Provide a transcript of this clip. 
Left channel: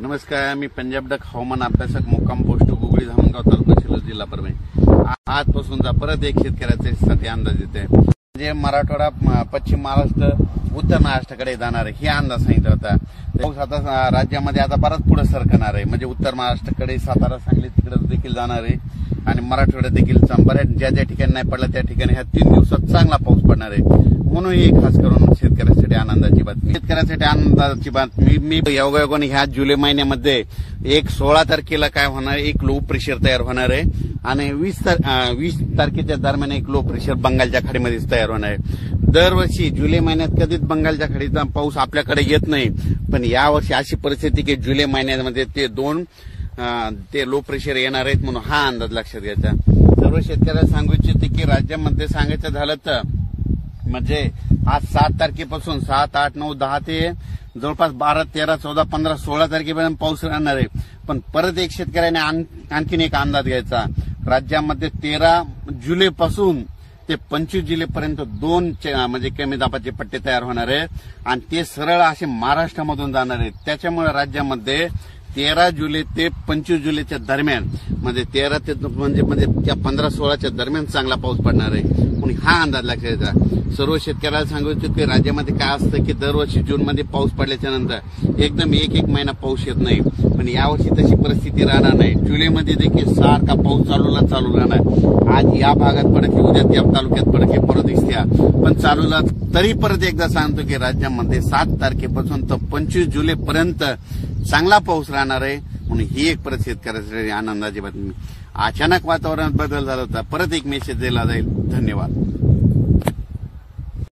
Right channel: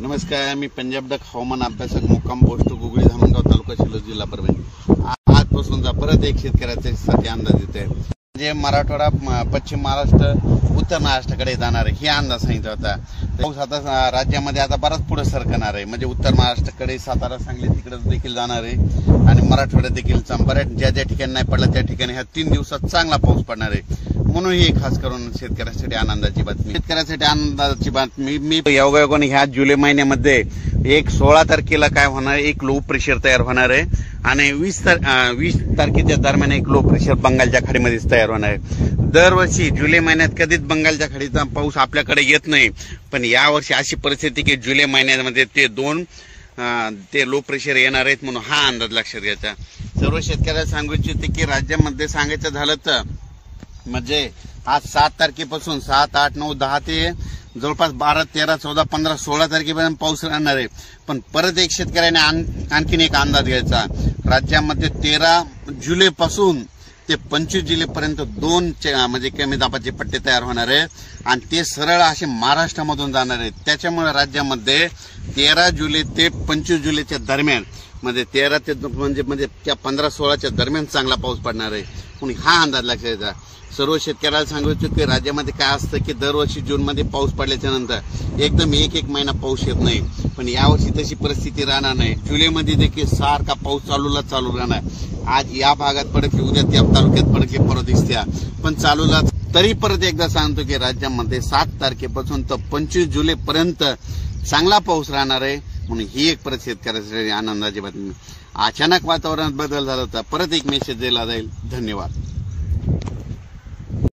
नमस्कार, मी पंजाब डक हवामान अभ्यासक मुक्काम पोस्ट गुगळी धामणगाव तालुका शिल्लोड जिल्हा परभणी। आजपासूनचा परत एक शेतकऱ्यासाठी अंदाज येत आहे, म्हणजे मराठवाडा, पश्चिम महाराष्ट्र, उत्तर महाराष्ट्राकडे जाणार आहे हे अंदाज सांगितला होता। पाऊस आता राज्यामध्ये आता बराच पुढे सरकणार आहे, म्हणजे उत्तर महाराष्ट्राकडे सातारा, सांगली तिकडे देखील जाणार आहे आणि मराठवाड्यात देखील बऱ्याच ज्या ठिकाणी नाही पडला त्या ठिकाणी ह्या 3 दिवसात चांगला पाऊस पडणार आहे। म्हणून ही खास करून शेतकऱ्यासाठी आनंदाची बातमी। शेतकऱ्यासाठी आनंदाची बातमी, मी योगायोगाने ह्या जुलै महिन्यामध्ये 16 तारखेला काय होणार, एक लो प्रेशर तयार होणार आहे आणि 20 तारखेच्या दरम्यान एक लो प्रेशर बंगालच्या खाडीमध्ये तयार होणार आहे। दरवर्षी जुलै महिन्यात कधीच बंगालच्या खाडीचा पाऊस आपल्याकडे येत नाही, पण यावर्षी अशी परिस्थिती की जुलै महिन्यामध्ये ते लो प्रेशर येणार आहेत, म्हणून हा अंदाज लक्षात घ्यायचा। सर्व शेतकऱ्यांना सांगू इच्छिते की राज्यामध्ये सांगायचं झालं तर म्हणजे आज 7 तारखेपासून 7, 8, 9, 10 ते जवळपास 12, 13, 14, 15, 16 तारखेपर्यंत पाऊस राहणार आहे। पण परत एक शेतकऱ्याने आणखीन एक अंदाज घ्यायचा, राज्यामध्ये 13 जुलैपासून ते 25 जुलैपर्यंत 2 म्हणजे कमी दाबाचे पट्टे तयार होणार आहे आणि ते सरळ असे महाराष्ट्रामधून जाणार आहेत। त्याच्यामुळे राज्यामध्ये 13 जुलै ते 25 जुलैच्या दरम्यान म्हणजे 13 ते म्हणजे त्या 15-16च्या दरम्यान चांगला पाऊस पडणार आहे, म्हणून हा अंदाज लक्षात घ्यायचा। सर्व शेतकऱ्याला सांगू इच्छितो की राज्यामध्ये काय असतं की दरवर्षी जूनमध्ये पाऊस पडल्याच्या नंतर एकदम एक महिना पाऊस येत नाही, पण यावर्षी तशी परिस्थिती राहणार नाही। जुलैमध्ये देखील सारखा पाऊस चालू राहणार। आज या भागात पडते, उद्या त्या तालुक्यात पडते, परत दिसत्या, पण चालूला तरी परत एकदा सांगतो की राज्यामध्ये 7 तारखेपासून तर 25 जुलैपर्यंत चांगला पाऊस राहणार आहे, म्हणून ही एक परत शेतकऱ्यासाठी आनंदाची बातमी। अचानक वातावरणात बदल झाला होता, परत एक मेसेज दिला जाईल। धन्यवाद।